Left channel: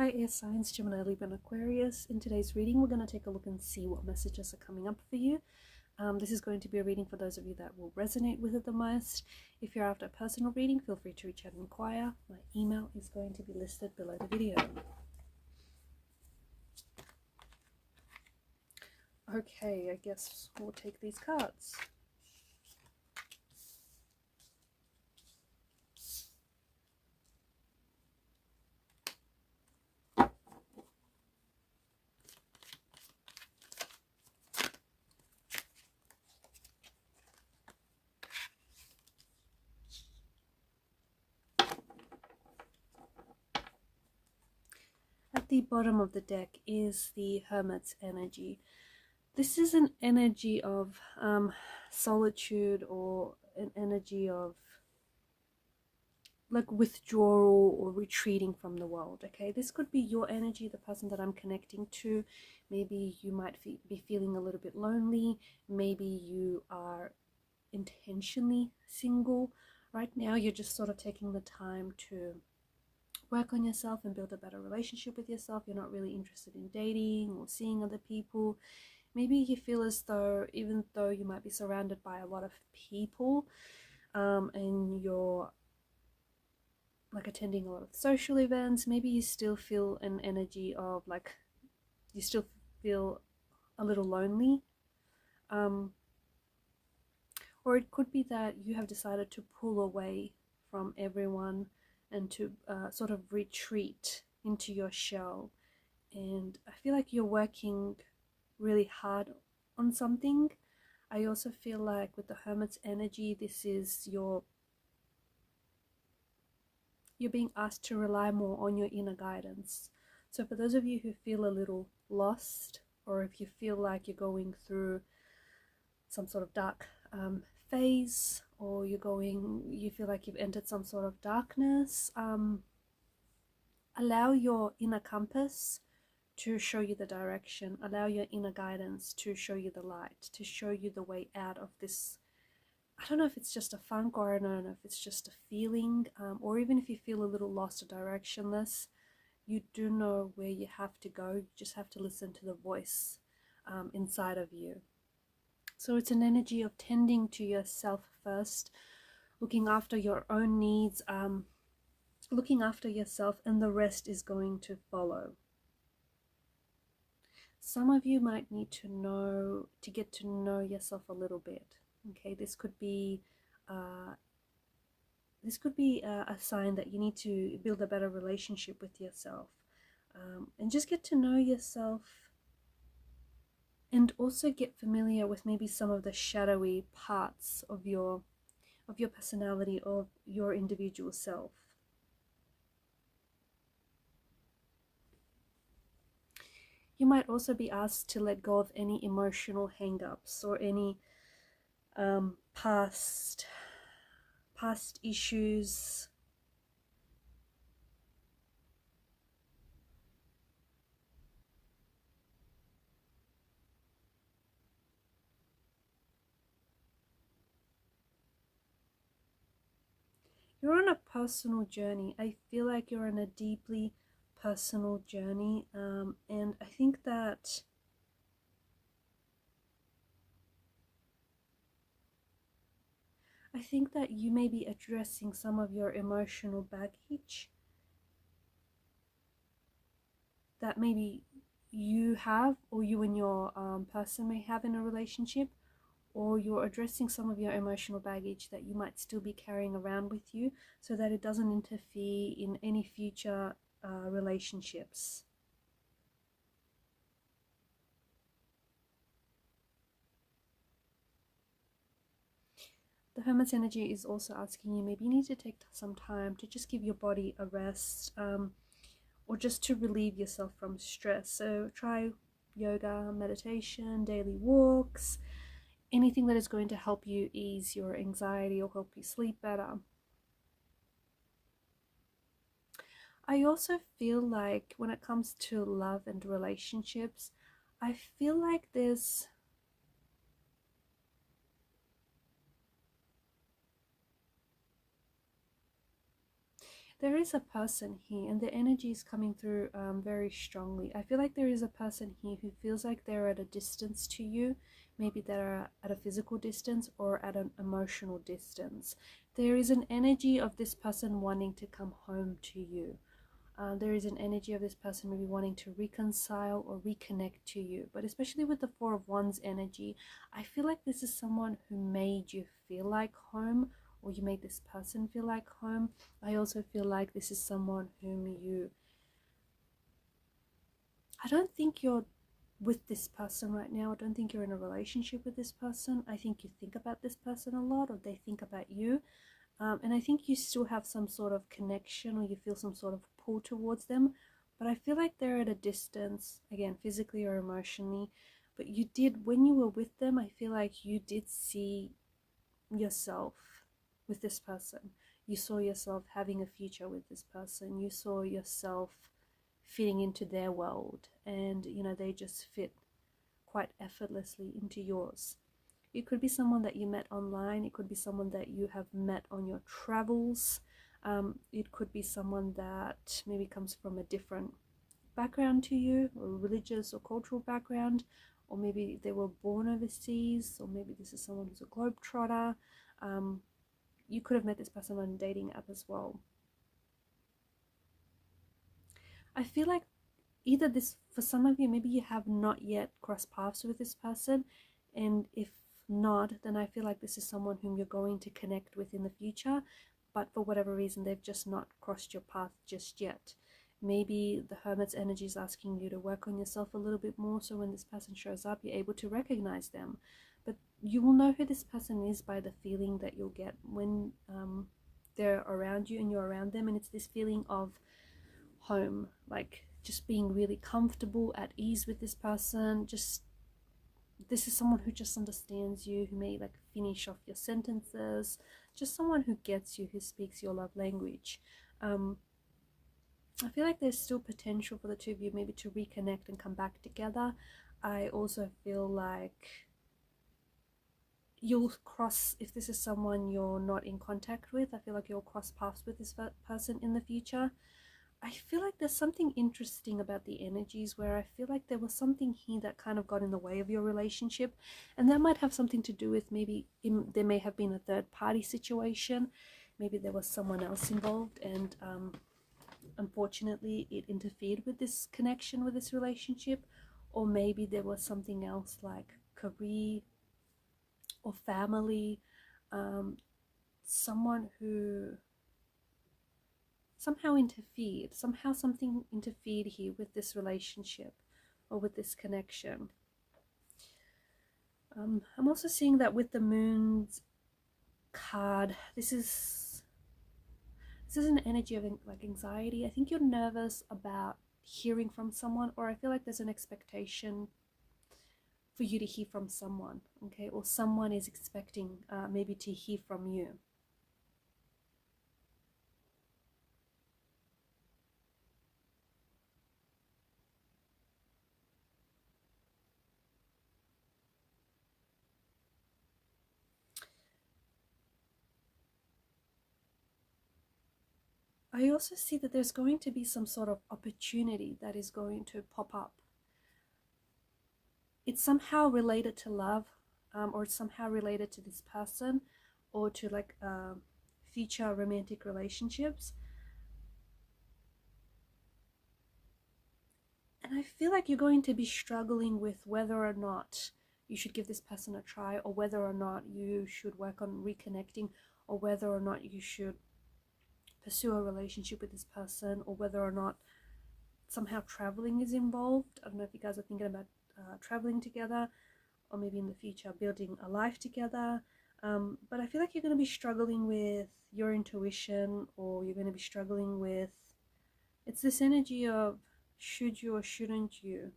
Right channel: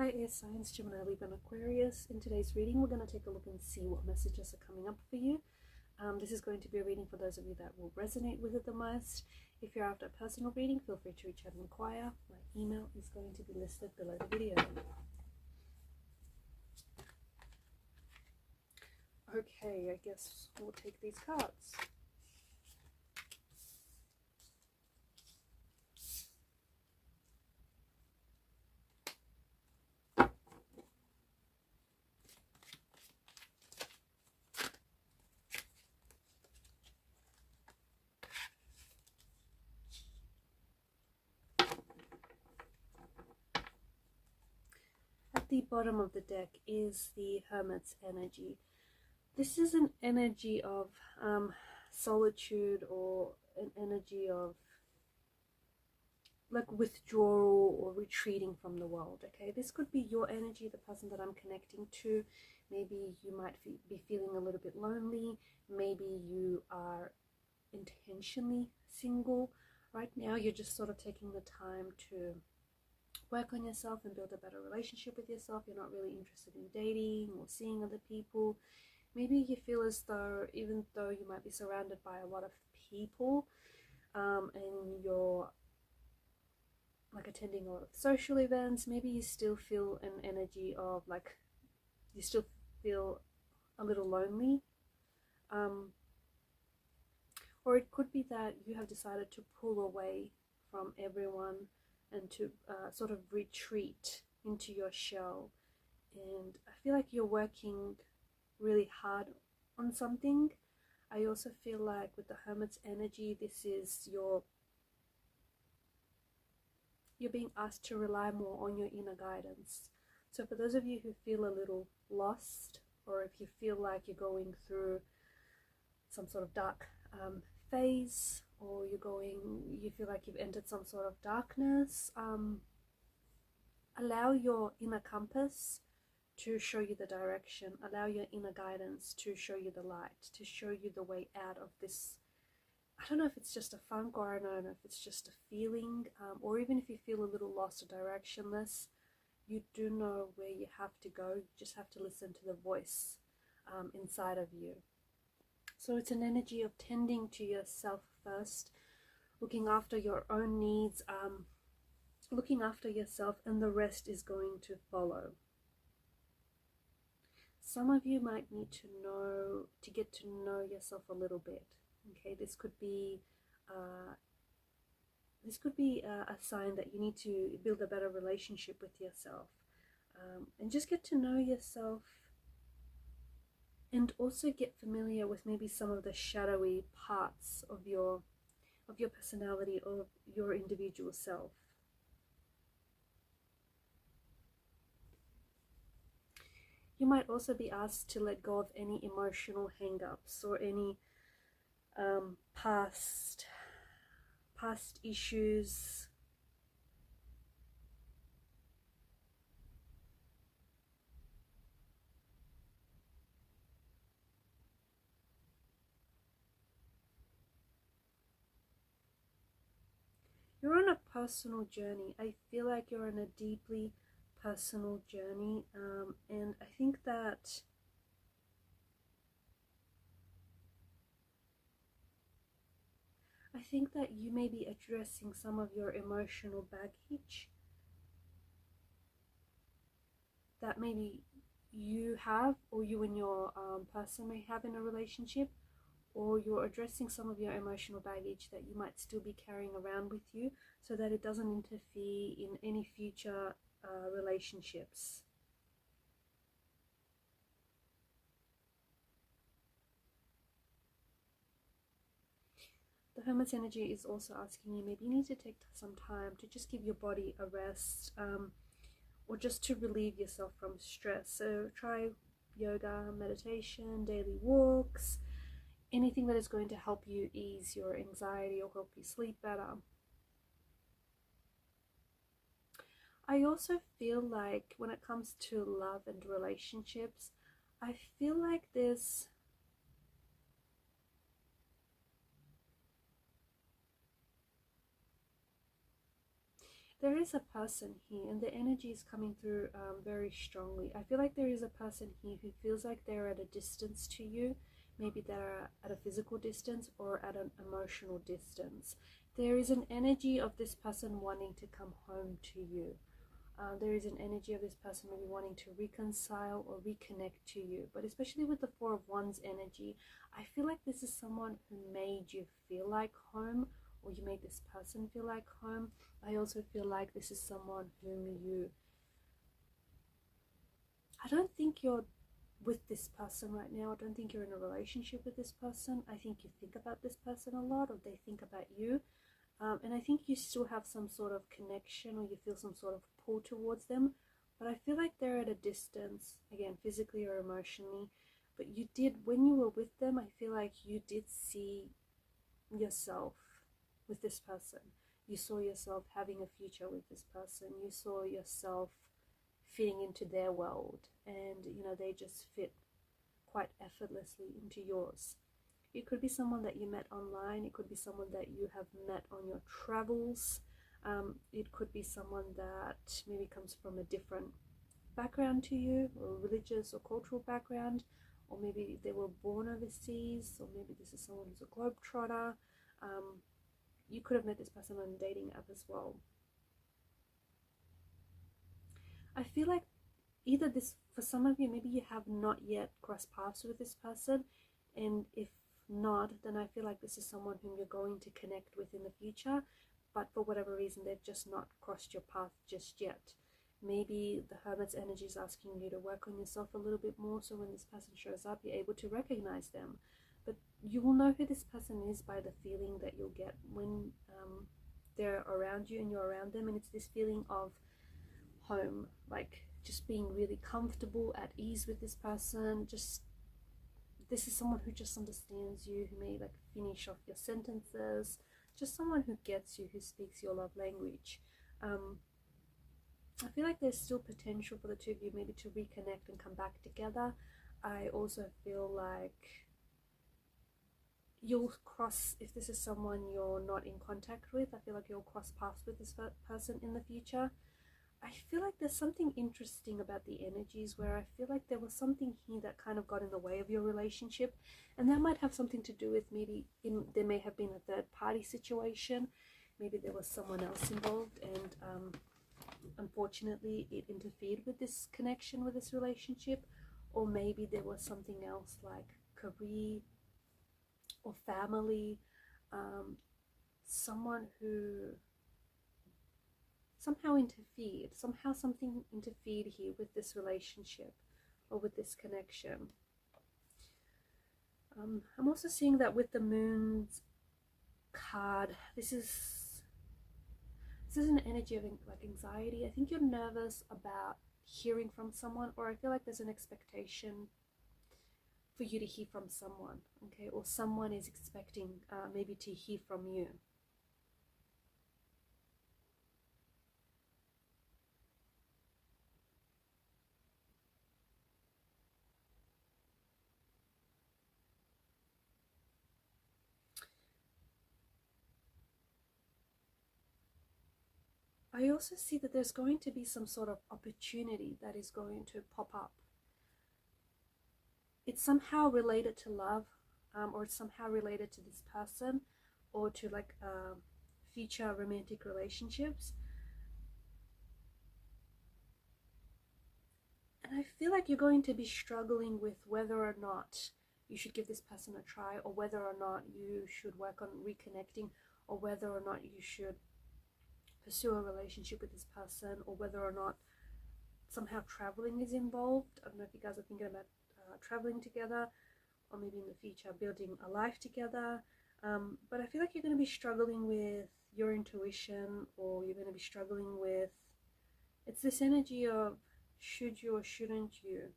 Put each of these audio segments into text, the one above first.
Hi air signs, Gemini, Libra and Aquarius. In today's reading, we're going to take a look and see what messages are coming up for you. This is going to be a reading for those of you that will resonate with it the most. If you're after a personal reading, feel free to reach out and inquire. My email is going to be listed below the video. Okay, I guess we'll take these cards. At the bottom of the deck is the Hermit's energy. This is an energy of solitude, or an energy of like withdrawal or retreating from the world. Okay, this could be your energy, the person that I'm connecting to. Maybe you might be feeling a little bit lonely. Maybe you are intentionally single right now. You're just sort of taking the time to work on yourself and build a better relationship with yourself. You're not really interested in dating or seeing other people. Maybe you feel as though, even though you might be surrounded by a lot of people, and you're like attending a lot of social events, maybe you still feel an energy of like, you still feel a little lonely. Or it could be that you have decided to pull away from everyone and to sort of retreat into your shell. And I feel like you're working really hard on something. I also feel like with the Hermit's energy, this is you're being asked to rely more on your inner guidance. So for those of you who feel a little lost, or if you feel like you're going through some sort of dark phase, or you feel like you've entered some sort of darkness, allow your inner compass to show you the direction. Allow your inner guidance to show you the light, to show you the way out of this. I don't know if it's just a funk, or I don't know if it's just a feeling, or even if you feel a little lost or directionless, you do know where you have to go. You just have to listen to the voice inside of you. So it's an energy of tending to yourself first, looking after your own needs, looking after yourself, and the rest is going to follow. Some of you might need to get to know yourself a little bit. Okay, this could be a sign that you need to build a better relationship with yourself, and just get to know yourself, and also get familiar with maybe some of the shadowy parts of your personality, of your individual self. You might also be asked to let go of any emotional hang-ups or any past issues. You're on a personal journey. I feel like you're on a deeply personal journey, and I think that you may be addressing some of your emotional baggage that maybe you have, or you and your person may have in a relationship, or you're addressing some of your emotional baggage that you might still be carrying around with you, so that it doesn't interfere in any future relationships. The Hermit's energy is also asking you, maybe you need to take some time to just give your body a rest, or just to relieve yourself from stress. So try yoga, meditation, daily walks, anything that is going to help you ease your anxiety or help you sleep better. I also feel like when it comes to love and relationships, I feel like there's There is a person here, and the energy is coming through very strongly. I feel like there is a person here who feels like they're at a distance to you. Maybe they're at a physical distance or at an emotional distance. There is an energy of this person wanting to come home to you. There is an energy of this person maybe wanting to reconcile or reconnect to you. But especially with the Four of Wands energy, I feel like this is someone who made you feel like home, or you made this person feel like home. I also feel like this is someone whom I don't think you're with this person right now. I don't think you're in a relationship with this person. I think you think about this person a lot, or they think about you. And I think you still have some sort of connection, or you feel some sort of pull towards them. But I feel like they're at a distance, again, physically or emotionally. But you did, when you were with them, I feel like you did see yourself with this person. You saw yourself having a future with this person. You saw yourself fitting into their world, and you know, they just fit quite effortlessly into yours. It could be someone that you met online. It could be someone that you have met on your travels. It could be someone that maybe comes from a different background to you, or religious or cultural background, or maybe they were born overseas, or maybe this is someone who's a globetrotter. You could have met this person on a dating app as well. I feel like either this, for some of you, maybe you have not yet crossed paths with this person, and if not, then I feel like this is someone whom you're going to connect with in the future, but for whatever reason they've just not crossed your path just yet. Maybe the Hermit's energy is asking you to work on yourself a little bit more, so when this person shows up, you're able to recognize them. But you will know who this person is by the feeling that you'll get when they're around you and you're around them, and it's this feeling of home, like just being really comfortable, at ease with this person. Just, this is someone who just understands you, who may like finish off your sentences, just someone who gets you, who speaks your love language. I feel like there's still potential for the two of you maybe to reconnect and come back together. I also feel like you'll cross, if this is someone you're not in contact with, I feel like you'll cross paths with this person in the future. I feel like there's something interesting about the energies where I feel like there was something here that kind of got in the way of your relationship, and that might have something to do with maybe there may have been a third party situation. Maybe there was someone else involved, and unfortunately it interfered with this connection, with this relationship. Or maybe there was something else like career or family, someone who somehow interfered, somehow something interfered here with this relationship or with this connection. I'm also seeing that with the Moon's card, this is an energy of like anxiety. I think you're nervous about hearing from someone, or I feel like there's an expectation for you to hear from someone, okay, or someone is expecting maybe to hear from you. I also see that there's going to be some sort of opportunity that is going to pop up. It's somehow related to love, or it's somehow related to this person, or to like future romantic relationships. And I feel like you're going to be struggling with whether or not you should give this person a try, or whether or not you should work on reconnecting, or whether or not you should pursue a relationship with this person, or whether or not somehow traveling is involved. I don't know if you guys are thinking about traveling together, or maybe in the future building a life together. But I feel like you're going to be struggling with your intuition, or you're going to be struggling with, it's this energy of should you or shouldn't you.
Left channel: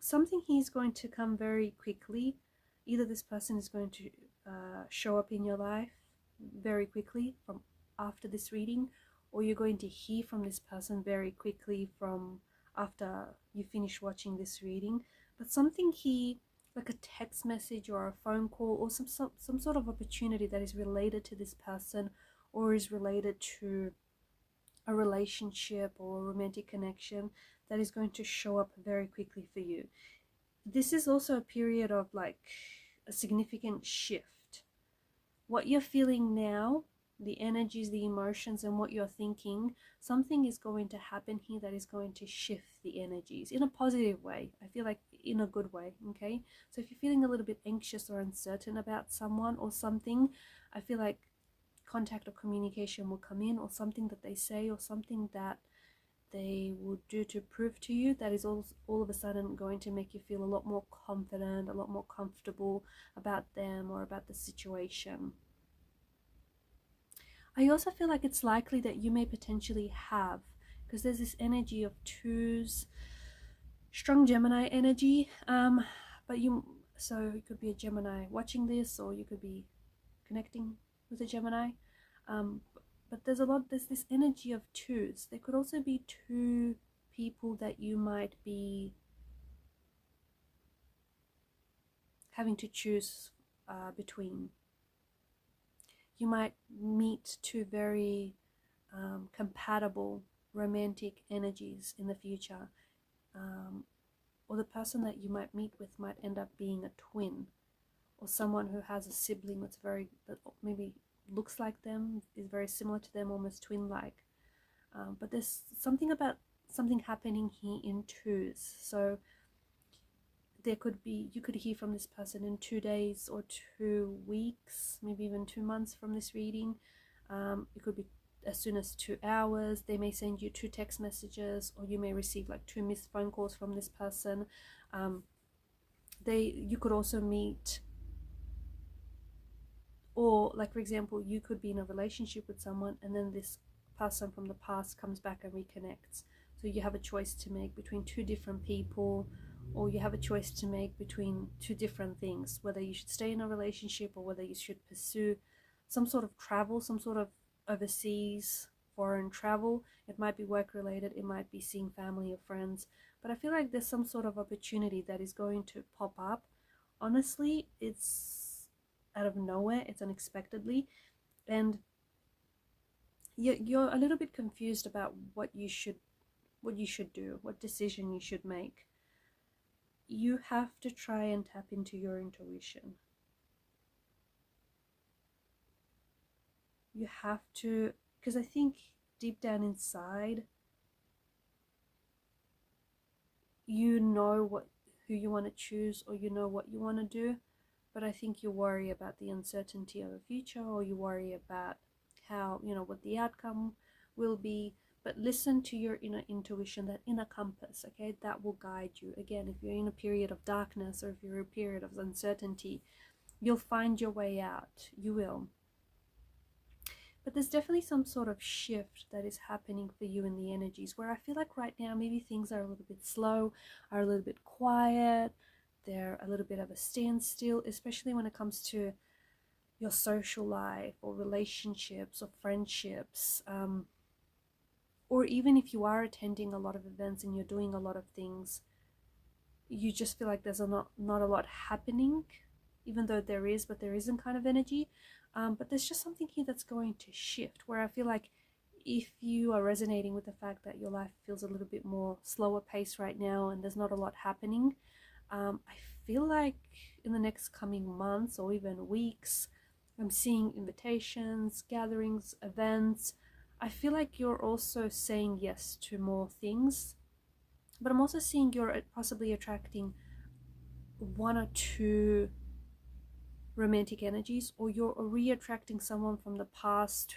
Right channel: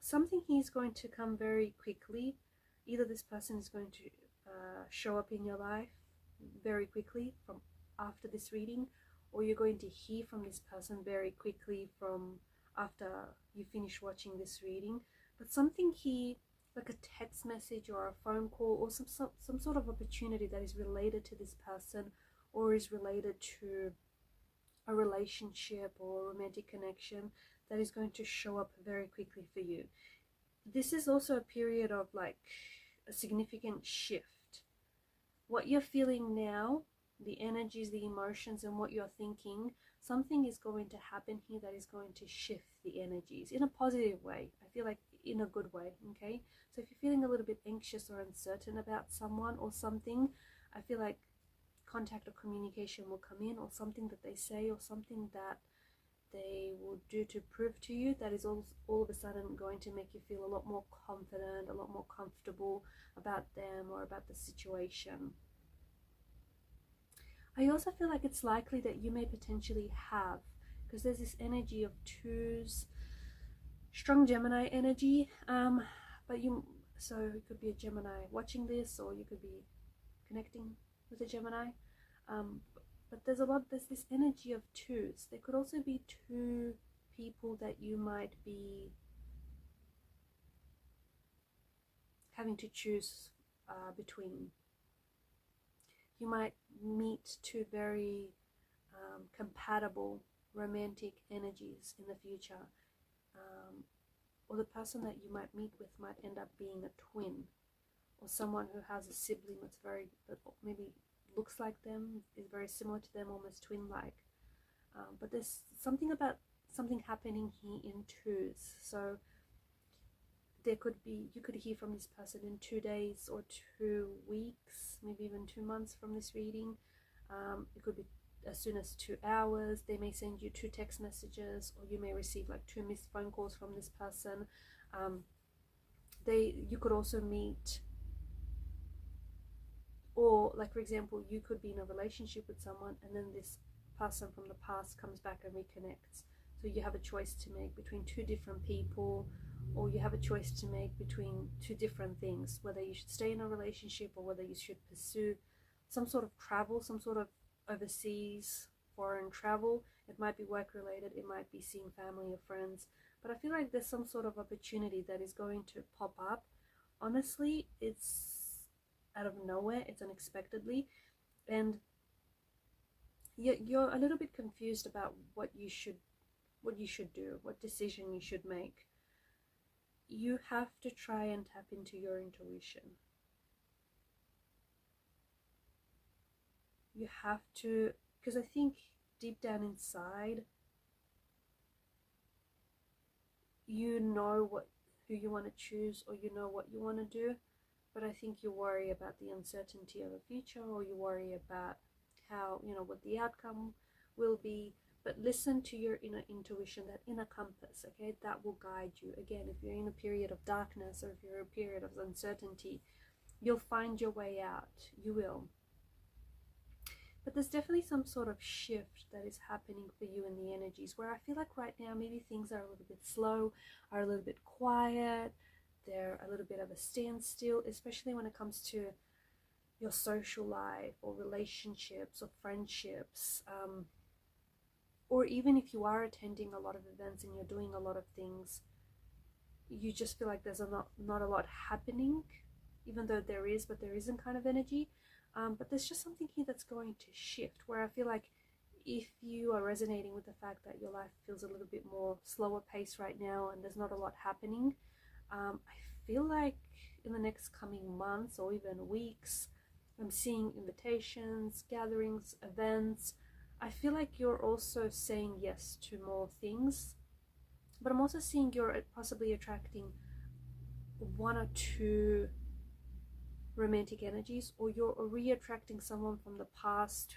Something here is going to come very quickly. Either this person is going to show up in your life very quickly from after this reading, or you're going to hear from this person very quickly from after you finish watching this reading. But something here, like a text message or a phone call, or some sort of opportunity that is related to this person, or is related to a relationship or a romantic connection that is going to show up very quickly for you. This is also a period of like a significant shift. What you're feeling now, the energies, the emotions, and what you're thinking, something is going to happen here that is going to shift the energies in a positive way. I feel like in a good way, okay? So if you're feeling a little bit anxious or uncertain about someone or something, I feel like contact or communication will come in, or something that they say or something that they will do to prove to you that is all of a sudden going to make you feel a lot more confident, a lot more comfortable about them or about the situation. I also feel like it's likely that you may potentially have, because there's this energy of twos, strong Gemini energy, so it could be a Gemini watching this, or you could be connecting with a Gemini, but there's this energy of twos. There could also be two people that you might be having to choose between. You might meet two very compatible romantic energies in the future, or the person that you might meet with might end up being a twin, or someone who has a sibling that maybe looks like them, is very similar to them, almost twin-like. But there's something happening here in twos. So you could hear from this person in 2 days or 2 weeks, maybe even 2 months from this reading. It could be as soon as 2 hours. They may send you 2 text messages, or you may receive like 2 missed phone calls from this person. You could also meet, or like for example, you could be in a relationship with someone and then this person from the past comes back and reconnects. So you have a choice to make between 2 different people, or you have a choice to make between 2 different things, whether you should stay in a relationship or whether you should pursue some sort of travel, some sort of overseas foreign travel. It might be work related, it might be seeing family or friends, but I feel like there's some sort of opportunity that is going to pop up. Honestly, it's out of nowhere, it's unexpectedly, and you're a little bit confused about what you should do, what decision you should make. You have to try and tap into your intuition. You have to, because I think deep down inside, you know who you want to choose, or you know what you want to do, but I think you worry about the uncertainty of the future, or you worry about how, what the outcome will be. But listen to your inner intuition, that inner compass, okay? That will guide you. Again, if you're in a period of darkness, or if you're in a period of uncertainty, you'll find your way out. You will. But there's definitely some sort of shift that is happening for you in the energies, where I feel like right now maybe things are a little bit slow, are a little bit quiet, they're a little bit of a standstill, especially when it comes to your social life or relationships or friendships. Or even if you are attending a lot of events and you're doing a lot of things, you just feel like there's not a lot happening, even though there is, but there isn't kind of energy. But there's just something here that's going to shift, where I feel like if you are resonating with the fact that your life feels a little bit more slower pace right now and there's not a lot happening, I feel like in the next coming months or even weeks, I'm seeing invitations, gatherings, events. I feel like you're also saying yes to more things, but I'm also seeing you're possibly attracting 1 or 2 romantic energies, or you're re-attracting someone from the past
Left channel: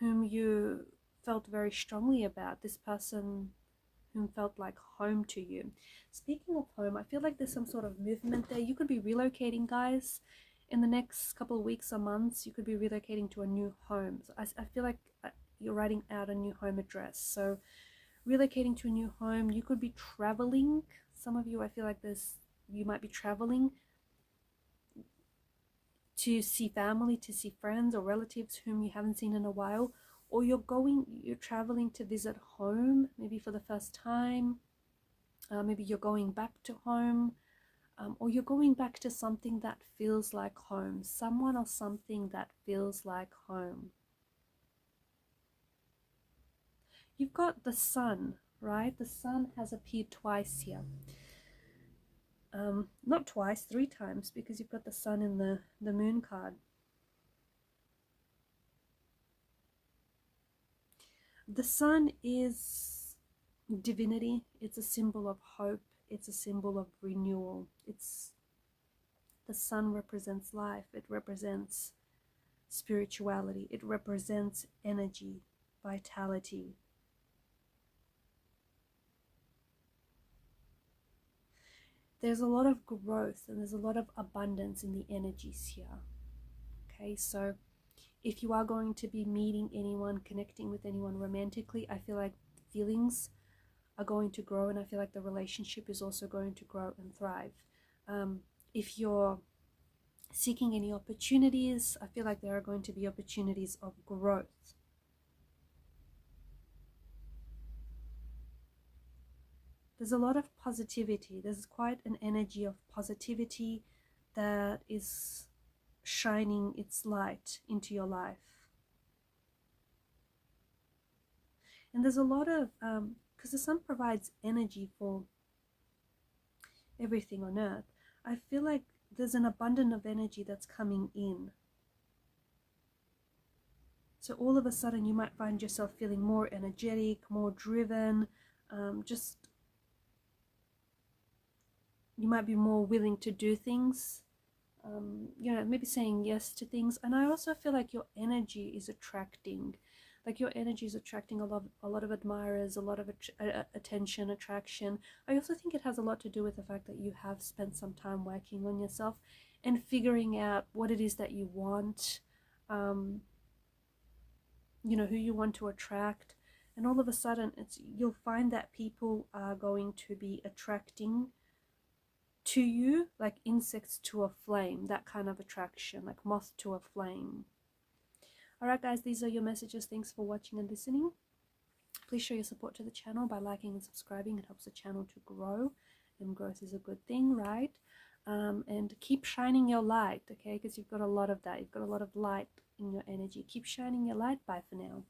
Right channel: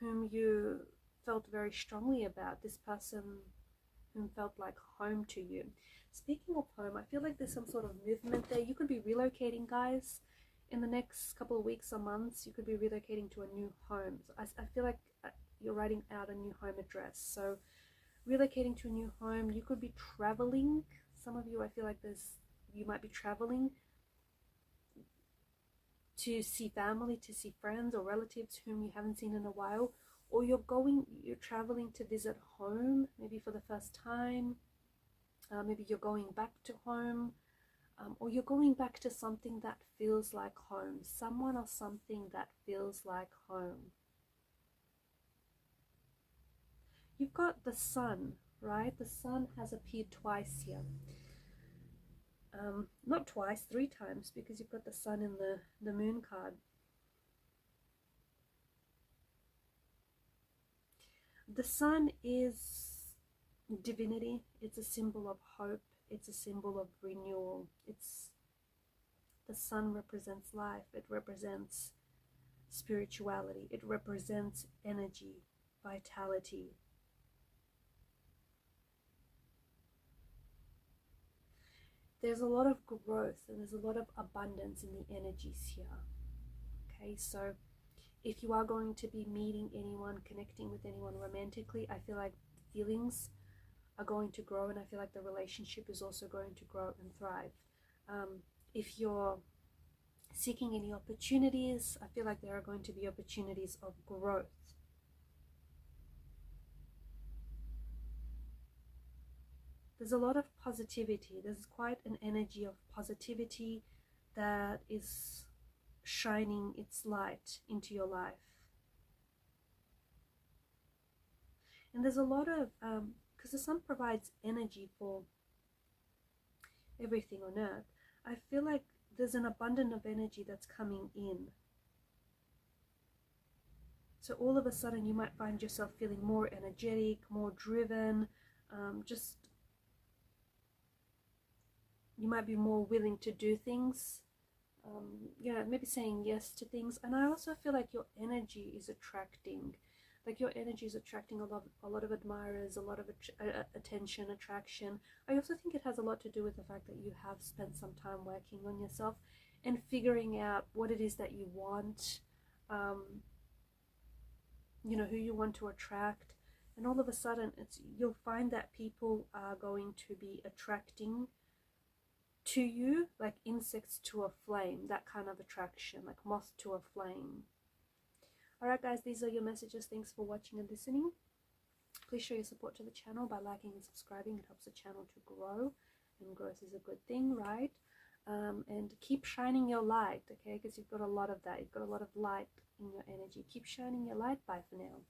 whom you felt very strongly about, this person whom felt like home to you. Speaking of home, I feel like there's some sort of movement there. You could be relocating, guys. In the next couple of weeks or months, you could be relocating to a new home. So I feel like you're writing out a new home address. So relocating to a new home, you could be traveling. Some of you, I feel like you might be traveling to see family, to see friends or relatives whom you haven't seen in a while, or you're traveling to visit home, maybe for the first time. Maybe you're going back to home. or you're going back to something that feels like home, someone or something that feels like home. You've got the sun, right? The sun has appeared twice here. Not twice, 3 times, because you've got the sun in the moon card. The sun is divinity. It's a symbol of hope. It's a symbol of renewal. The sun represents life. It represents spirituality. It represents energy, vitality. There's a lot of growth and there's a lot of abundance in the energies here. Okay, so if you are going to be meeting anyone, connecting with anyone romantically, I feel like feelings are going to grow, and I feel like the relationship is also going to grow and thrive. If you're seeking any opportunities, I feel like there are going to be opportunities of growth. There's a lot of positivity. There's quite an energy of positivity that is shining its light into your life. And there's a lot of, because the sun provides energy for everything on earth, I feel like there's an abundance of energy that's coming in. So all of a sudden you might find yourself feeling more energetic, more driven, you might be more willing to do things, maybe saying yes to things. And I also feel like your energy is attracting, a lot of admirers, a lot of attention, attraction. I also think it has a lot to do with the fact that you have spent some time working on yourself and figuring out what it is that you want, who you want to attract. And all of a sudden you'll find that people are going to be attracting to you like insects to a flame, that kind of attraction, like moth to a flame. Alright guys, these are your messages. Thanks for watching and listening. Please show your support to the channel by liking and subscribing. It helps the channel to grow, and growth is a good thing, right? And keep shining your light, okay? Because you've got a lot of that. You've got a lot of light in your energy. Keep shining your light. Bye for now.